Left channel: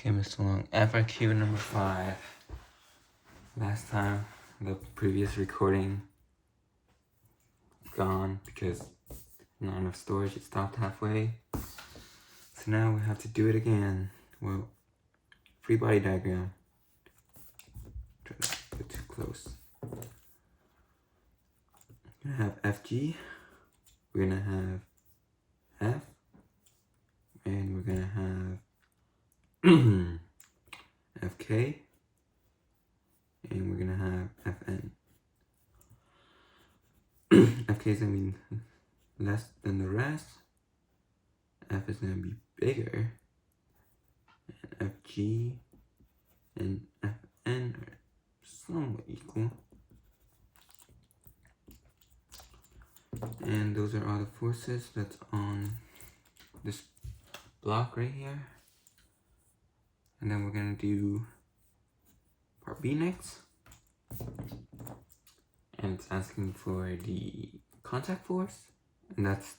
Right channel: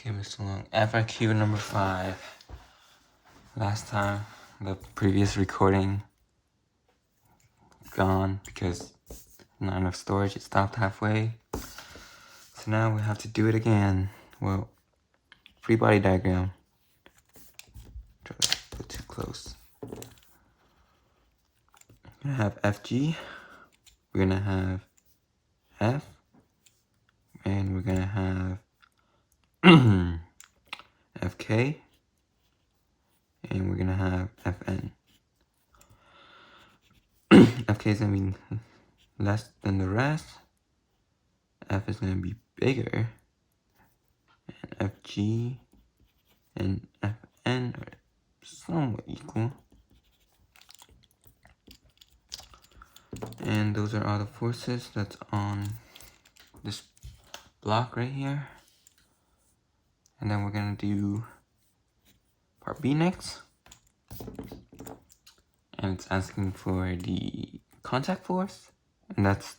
Okay, Mr. Long, FIQ number 5. Last time, the previous recording gone because not enough storage, it stopped halfway. So now we have to do it again. Well, free body diagram. Try to put too close. We're gonna have FG, we're gonna have F, and we're gonna have FK, and we're gonna have FN. FK is gonna be less than the rest. F is gonna be bigger. And FG and FN are somewhat equal. And those are all the forces that's on this block right here. And then we're gonna do part B next. And it's asking for the contact force, and that's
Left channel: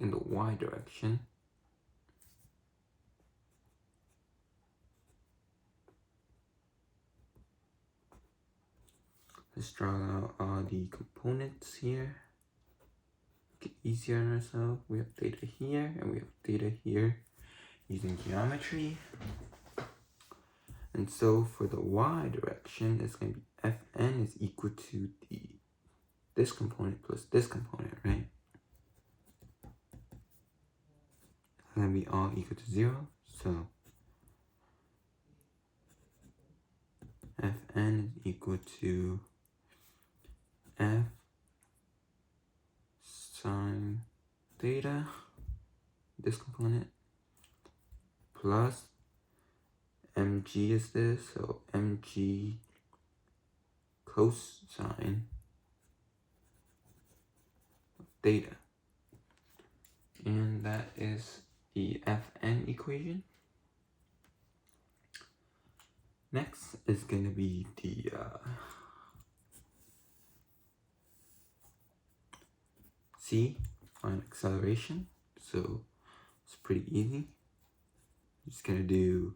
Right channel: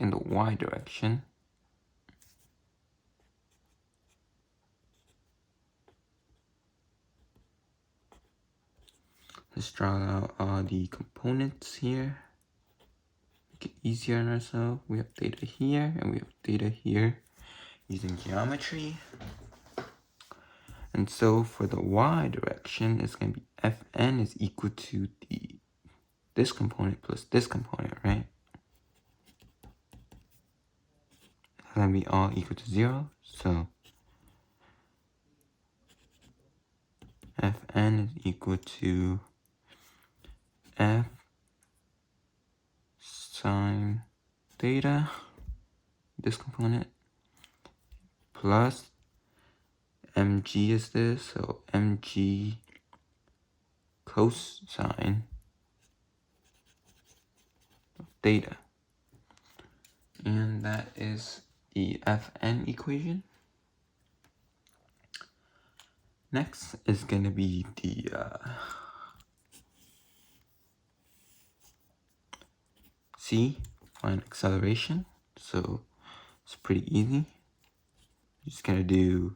in the Y direction. Let's draw out all the components here. Make it easier on ourselves. We have data here, and we have data here using geometry. And so for the Y direction, it's going to be Fn is equal to this component plus this component, right? It's going to be all equal to 0. So Fn is equal to F sine theta, this component, plus mg is this, so mg cosine of theta. And that is the Fn equation. Next is going to be the C, find acceleration. So it's pretty easy. Just going to do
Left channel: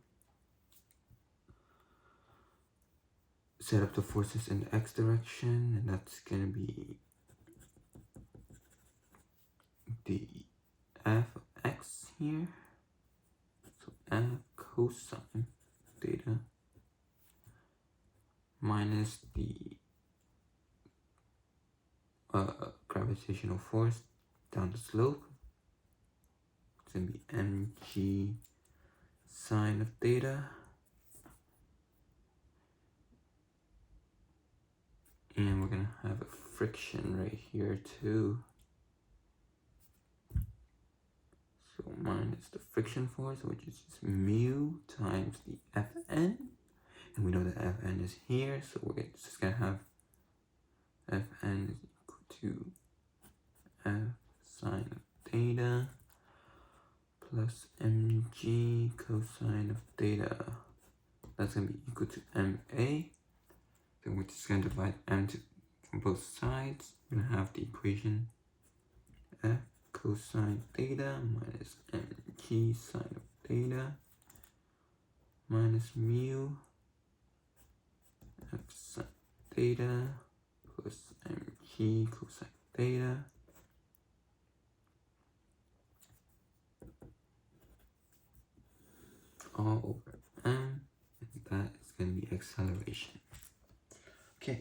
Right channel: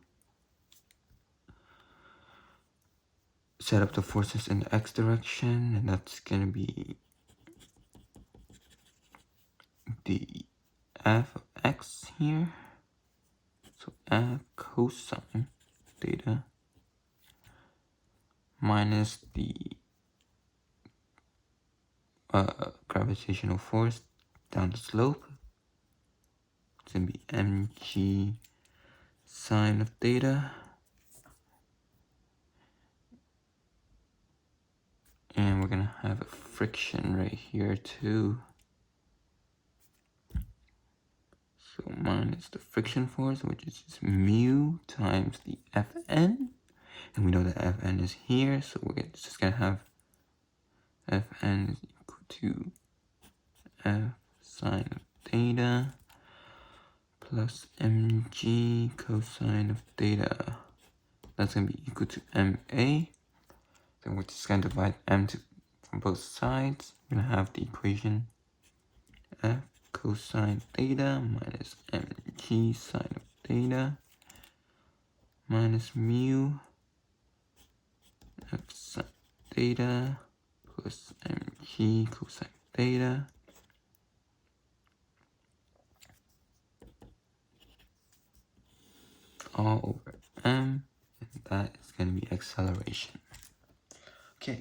set up the forces in the x direction, and that's going to be the f of x here. So f cosine theta minus the gravitational force down the slope. It's going to be mg sine of theta. And we're going to have a friction right here too. So minus the friction force, which is just mu times the Fn. And we know that Fn is here, so we're just going to have Fn is equal to F sine of theta plus mg cosine of theta. That's going to be equal to ma. So we're just going to divide m from both sides. We're going to have the equation F cosine theta minus mg sine of theta minus mu F sine theta plus mg cosine theta all over m, and that is going to be acceleration. Okay.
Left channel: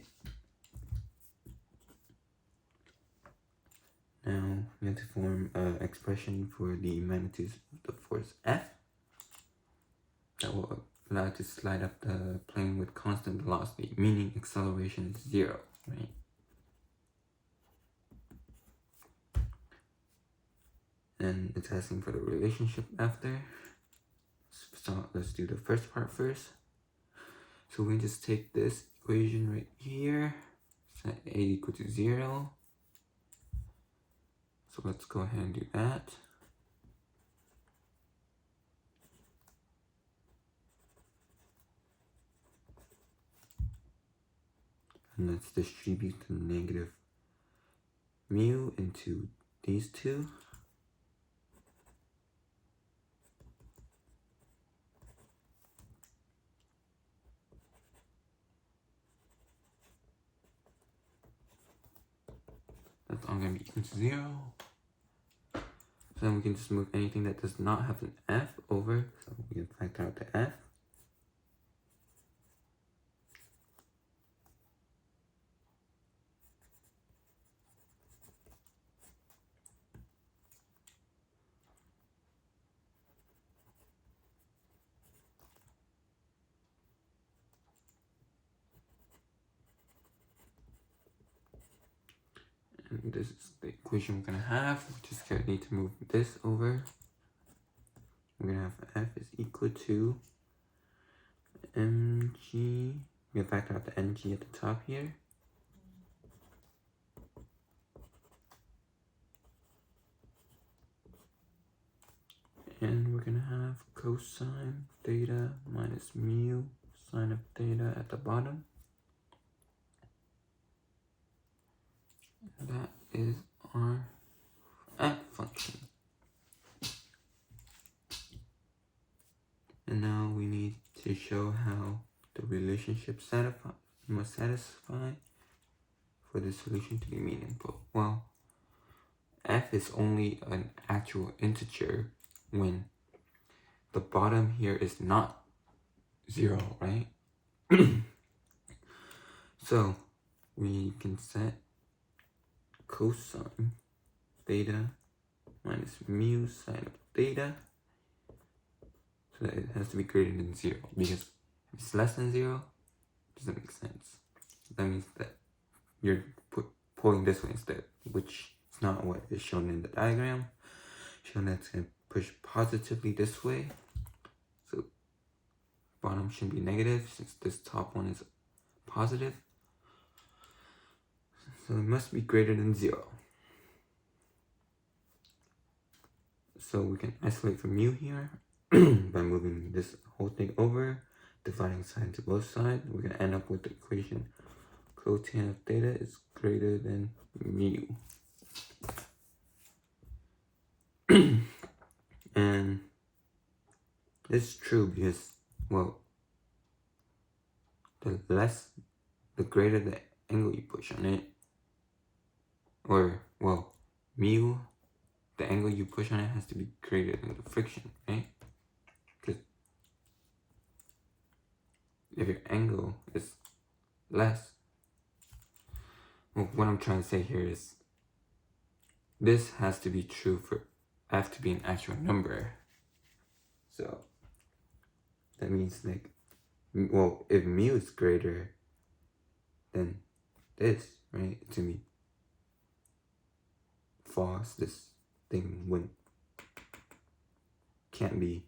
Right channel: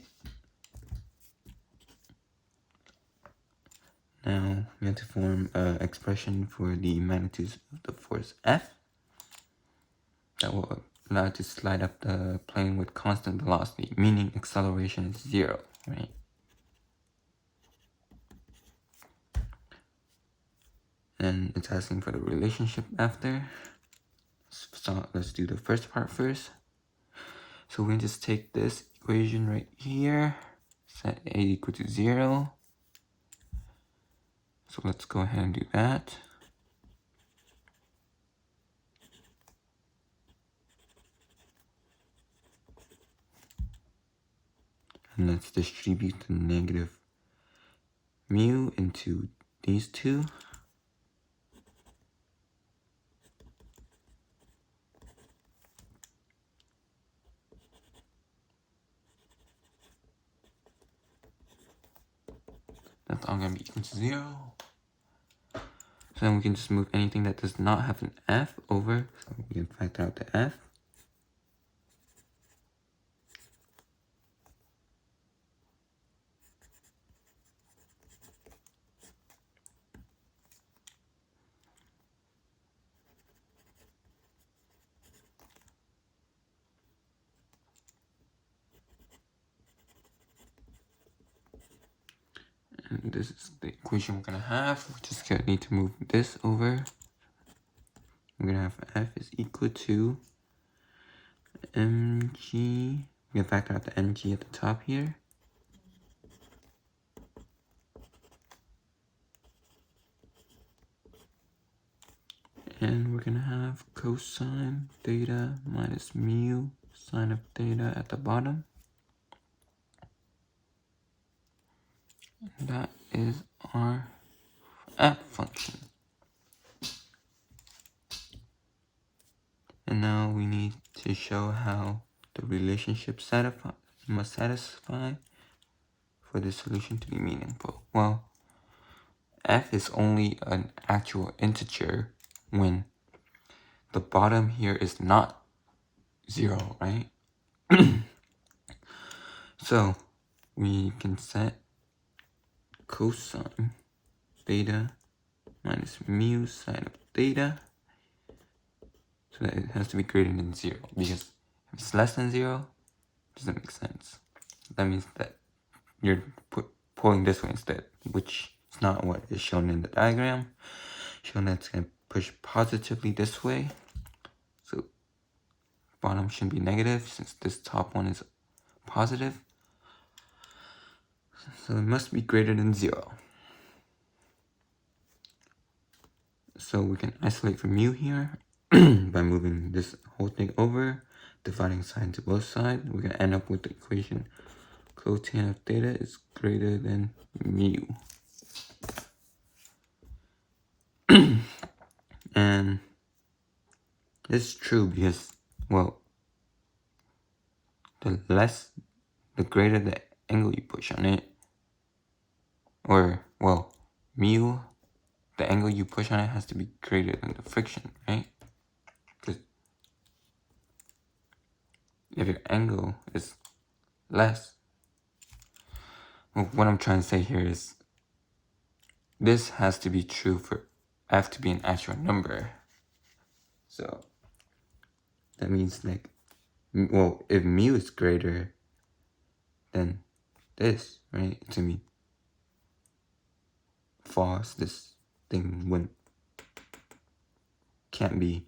Now we have to form an expression for the magnitudes of the force F that will allow it to slide up the plane with constant velocity, meaning acceleration is 0, right? And it's asking for the relationship after. So let's do the first part first. So we can just take this equation right here, set A equal to 0. So let's go ahead and do that. And let's distribute the negative mu into these two. it's all gonna be equal to 0. So then we can just move anything that does not have an f over. So we can factor out the f. And this is the equation we're gonna have. We just gonna need to move this over. We're gonna have f is equal to mg. We can factor out the mg at the top here. And we're gonna have cosine theta minus mu sine of theta at the bottom. And that is our f function. And now we need to show how the relationship must satisfy for the solution to be meaningful. Well, f is only an actual integer when the bottom here is not 0, right? So we can set cosine theta minus mu sine of theta so that it has to be greater than 0, because if it's less than 0, it doesn't make sense. That means that you're pulling this way instead, which is not what is shown in the diagram. Shown that it's going to push positively this way. So bottom should be negative since this top one is positive. So it must be greater than 0. So we can isolate for mu here by moving this whole thing over, dividing sine to both sides. We're going to end up with the equation cotangent of theta is greater than mu. And this is true because, well, the greater the angle you push on it, or, well, mu, the angle you push on it has to be greater than the friction, right? Because if your angle is less, well, what I'm trying to say here is this has to be true for f to be an actual number. So that means, like, well, if mu is greater than this, right, it's gonna be false. This thing can't be,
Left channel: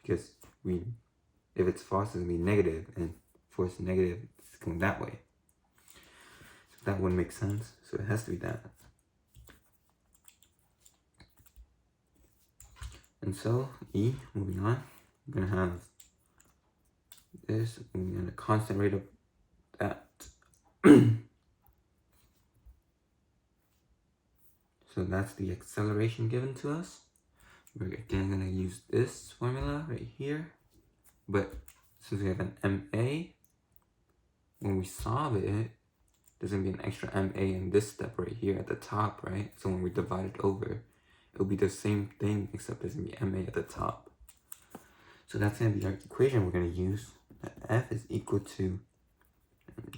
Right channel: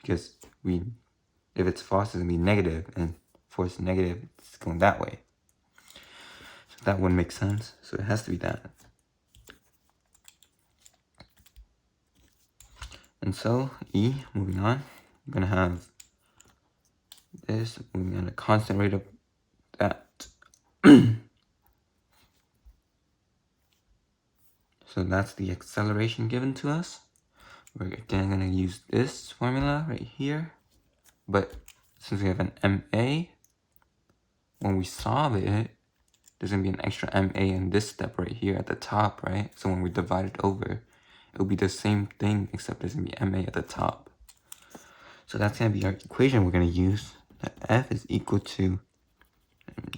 because if it's false, it's gonna be negative, and for it's negative, it's going that way. So that wouldn't make sense. So it has to be that. And so moving on, we're gonna have this moving on a constant rate of that. So that's the acceleration given to us. We're again going to use this formula right here. But since we have an MA, when we solve it, there's going to be an extra MA in this step right here at the top, right? So when we divide it over, it'll be the same thing, except there's going to be MA at the top. So that's going to be our equation we're going to use. That F is equal to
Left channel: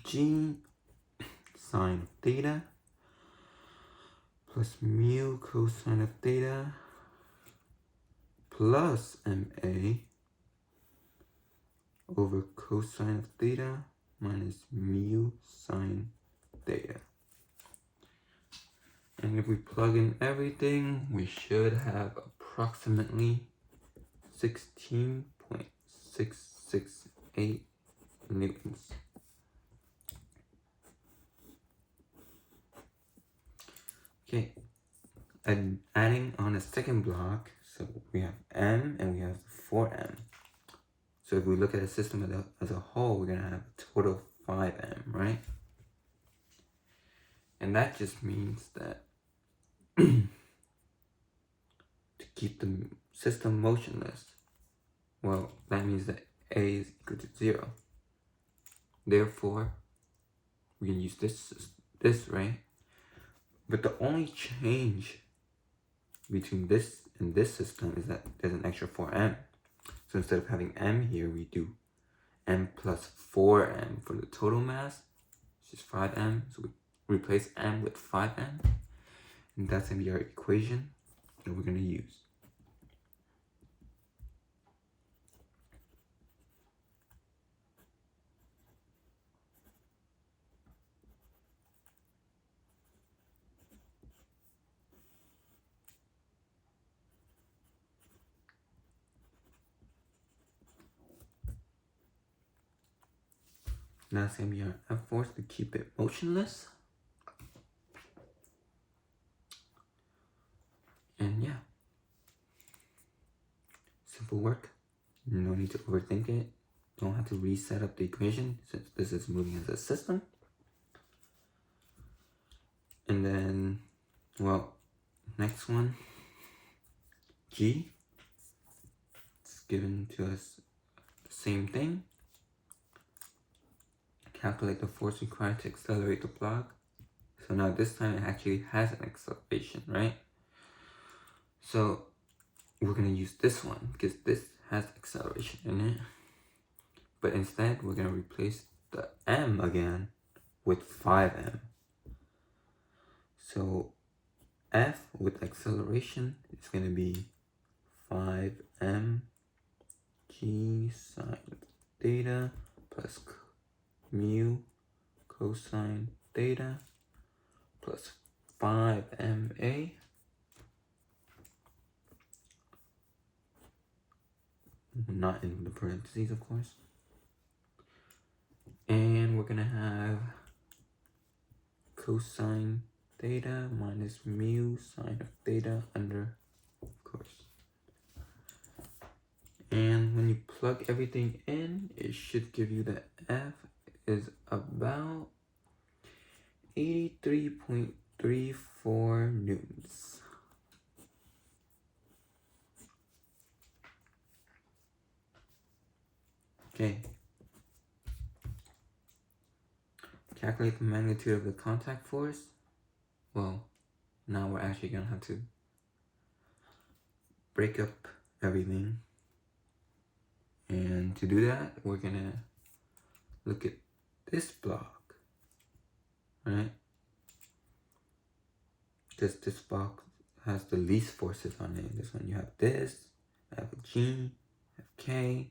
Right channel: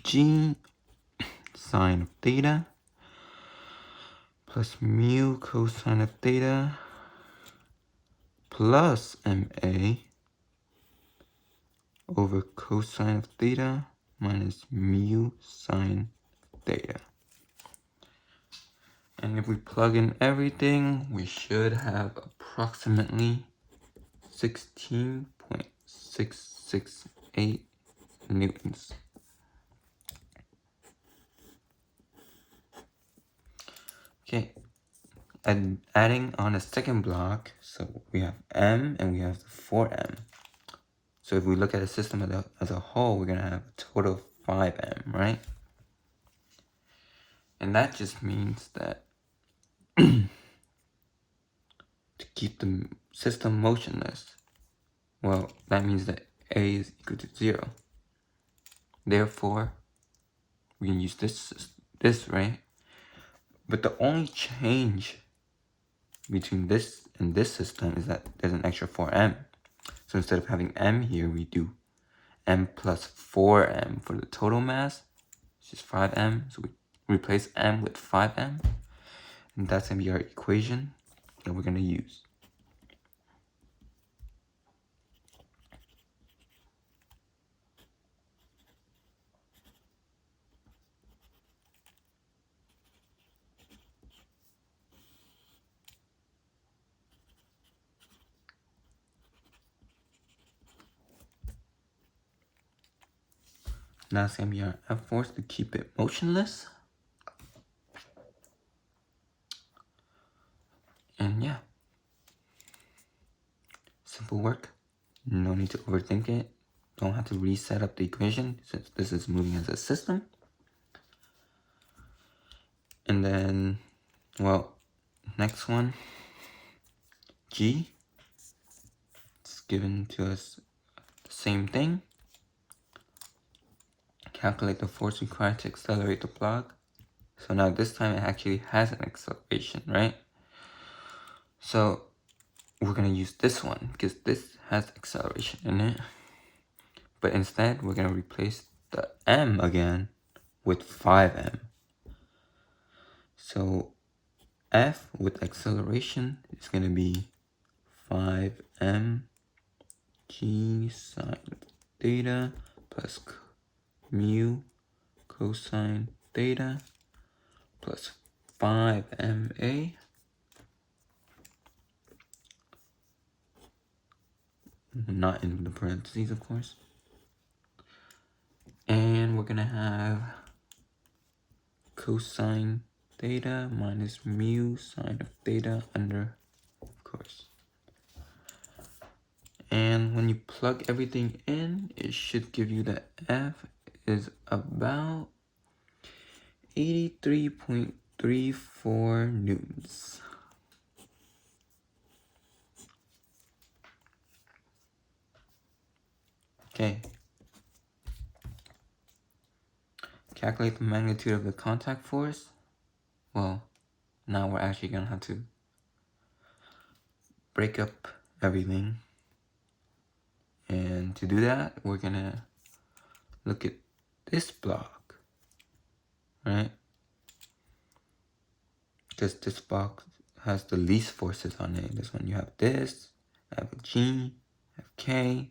G sine of theta plus mu cosine of theta plus MA over cosine of theta minus mu sine theta. And if we plug in everything, we should have approximately 16.668 newtons. Okay, and adding on a second block, so we have M and we have 4M. So if we look at a system as a whole, we're gonna have a total of 5M, right? And that just means that to keep the system motionless, well, that means that A is equal to 0. Therefore, we can use this, right? But the only change between this and this system is that there's an extra 4m. So instead of having m here, we do m plus 4m for the total mass, which is 5m. So we replace m with 5m. And that's going to be our equation that we're going to use. Now it's going to be our F force to keep it motionless. And yeah, simple work. No need to overthink it. Don't have to reset up the equation since this is moving as a system. And then, well, next one, G. It's given to us the same thing. Calculate the force required to accelerate the block. So now this time it actually has an acceleration, right? So we're going to use this one because this has acceleration in it. But instead, we're going to replace the m again with 5m. So F with acceleration is going to be 5m g sine theta plus mu cosine theta plus 5ma not in the parentheses, of course. And we're gonna have cosine theta minus mu sine of theta under, of course. And when you plug everything in, it should give you that F is about 83.34 newtons. Okay. Calculate the magnitude of the contact force. Well, now we're actually gonna have to break up everything. And to do that, we're gonna look at this block, right? Because this block has the least forces on it. This one you have this, I have a G, I have K.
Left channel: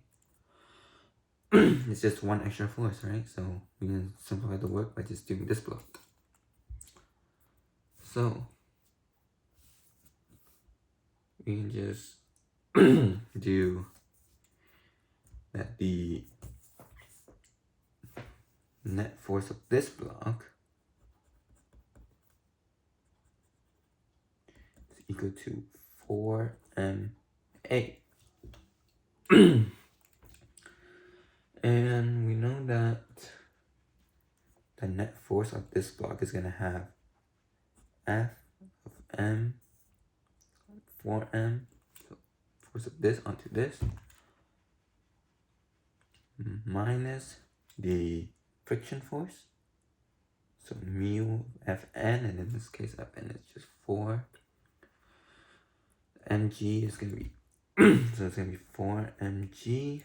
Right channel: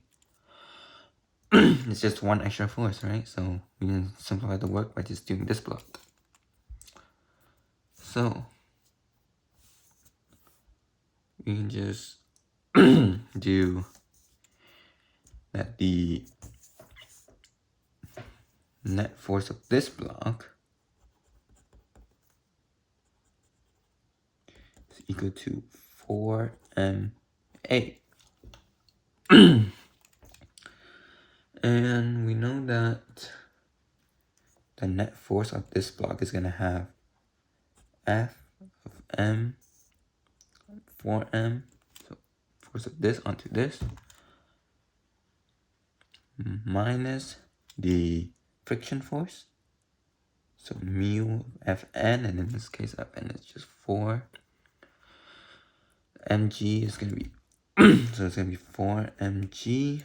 It's just one extra force, right? So we can simplify the work by just doing this block. So we can just do that the net force of this block is equal to 4ma. And we know that the net force of this block is going to have F of m 4m, so force of this onto this, minus the friction force, so mu of Fn, and in this case Fn is just 4. Mg is going to be, so it's going to be 4 mg,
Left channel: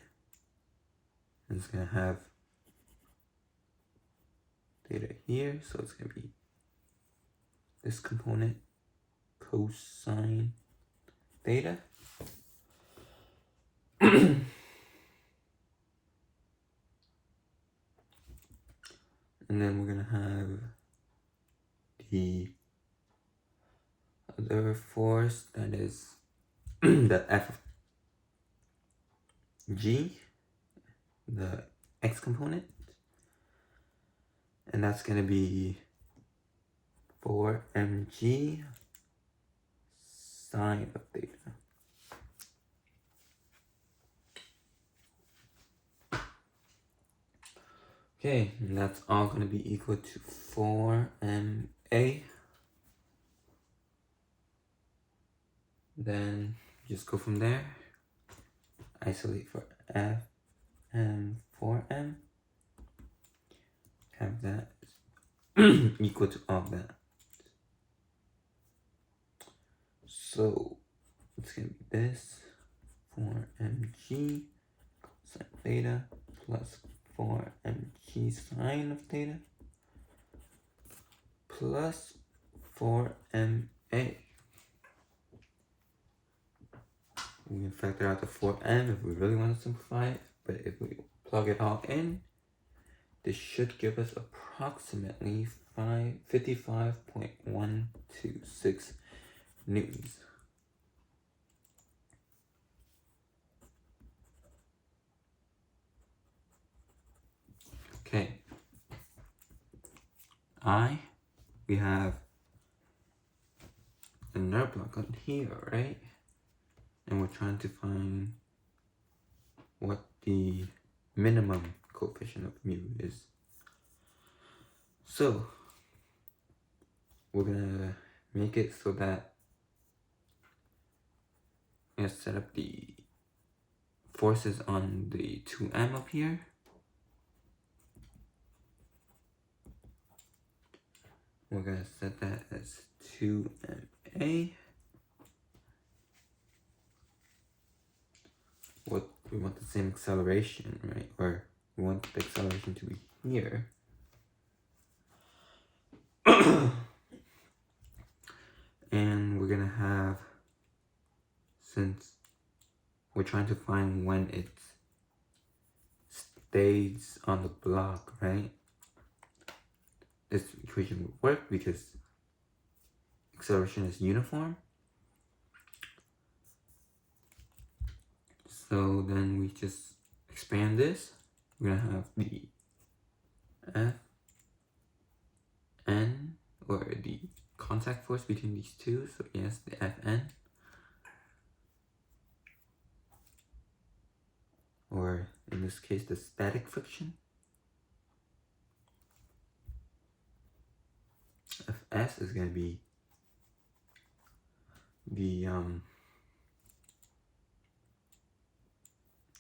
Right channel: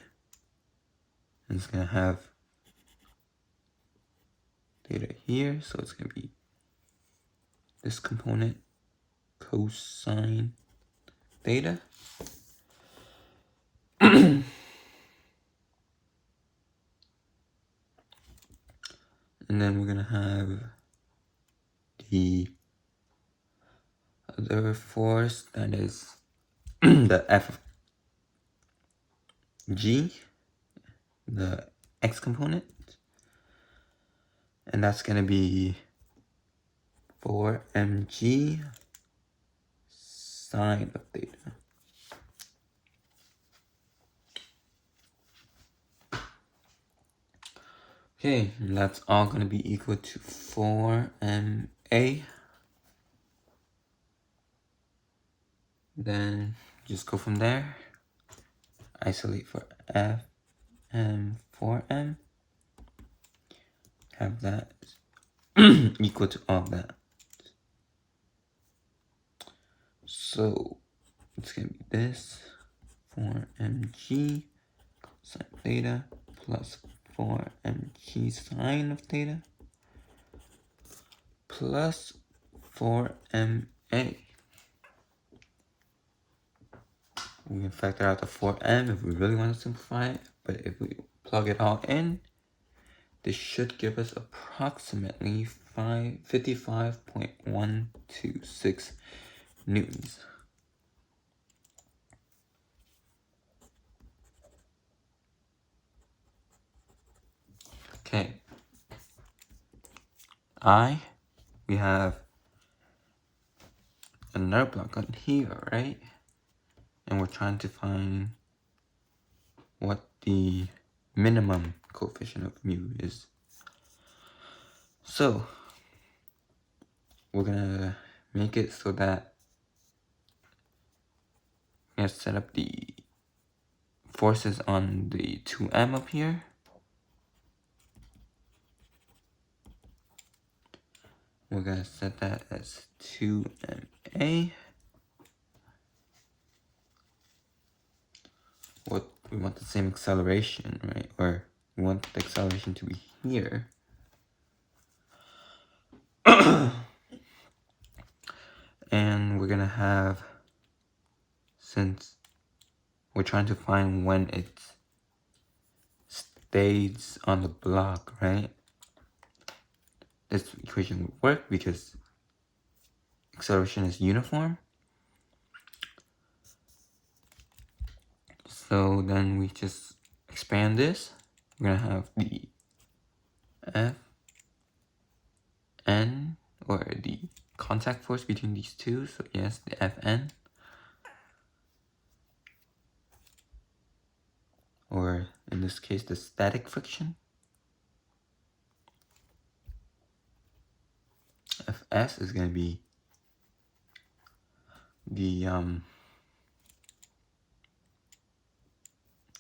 and it's going to have theta here, so it's going to be this component cosine theta. And then we're going to have the other force, that is the F of G, the x component, and that's going to be 4 mg sine of theta. Okay, and that's all going to be equal to 4ma. Then just go from there, isolate for F and 4m, have that equal to all that. So it's going to be this 4mg cosine theta plus 4mg sine of theta plus 4ma. We can factor out the 4m if we really want to simplify it, but if we plug it all in, this should give us approximately 55.126 newtons. Okay. We have another block on here, right? And we're trying to find what the minimum coefficient of mu is. So we're gonna make it so that we're gonna set up the forces on the 2m up here. We're gonna set that as 2ma. We want the same acceleration, right? Or we want the acceleration to be here. And we're gonna have, since we're trying to find when it stays on the block, right? This equation would work because acceleration is uniform. So then we just expand this. We're gonna have the Fn, or the contact force between these two. So yes, the Fn, or in this case, the static friction. Fs is gonna be the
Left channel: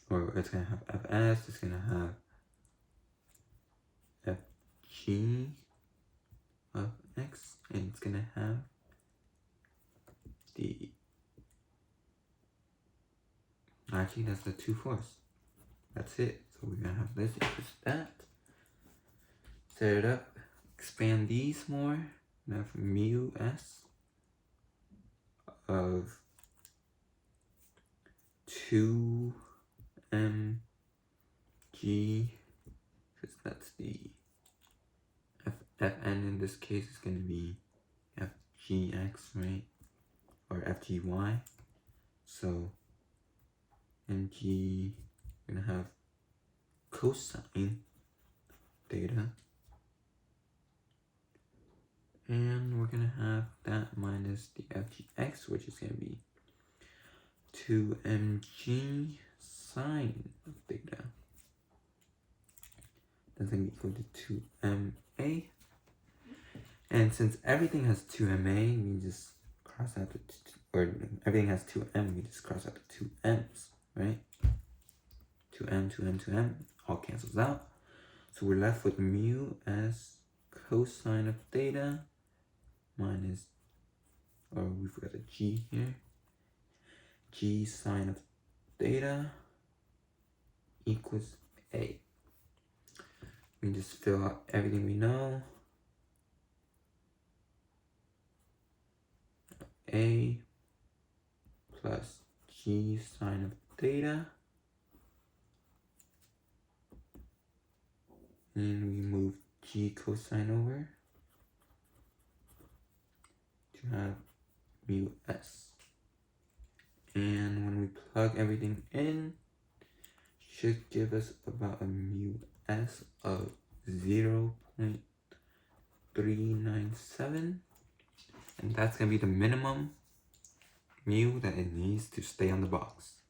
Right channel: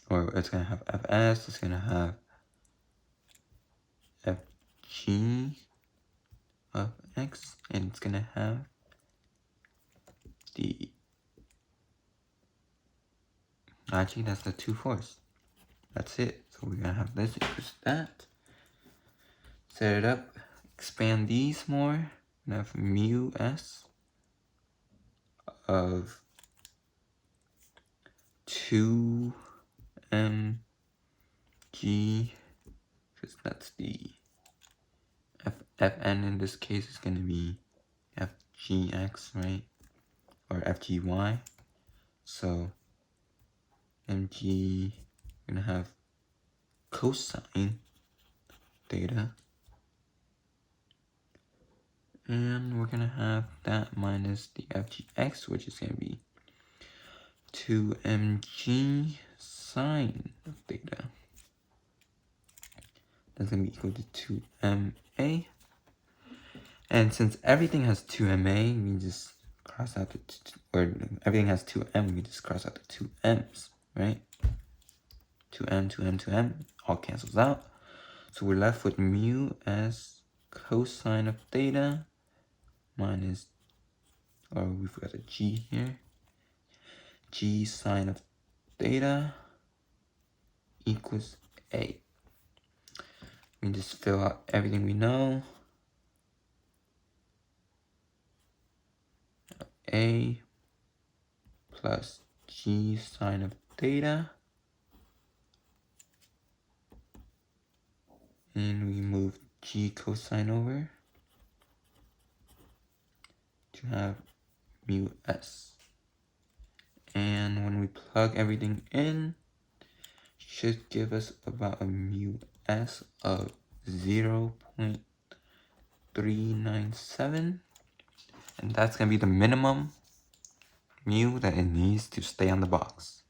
or it's gonna have Fs, it's gonna have Fg of x, and it's gonna have the, actually that's the 2 force. That's it. So we're gonna have this equals that. Set it up, expand these more, and have mu s of 2mg, because that's the Fn in this case is going to be Fgx, right? Or Fgy. So mg, we're going to have cosine theta. And we're going to have that minus the Fgx, which is going to be 2mg sine of theta. That's going to be equal to 2ma. And since everything has 2ma, we just cross out the, or everything has 2m, we just cross out the 2m's, right? 2m, 2m, 2m, all cancels out. So we're left with mu as cosine of theta minus, or we've got a g here, g sine of theta equals a. We just fill out everything we know. A plus g sine of theta, and we move g cosine over to have mu s. And when we plug everything in, should give us about a mu s of 0.397. And that's going to be the minimum mu that it needs to stay on the box.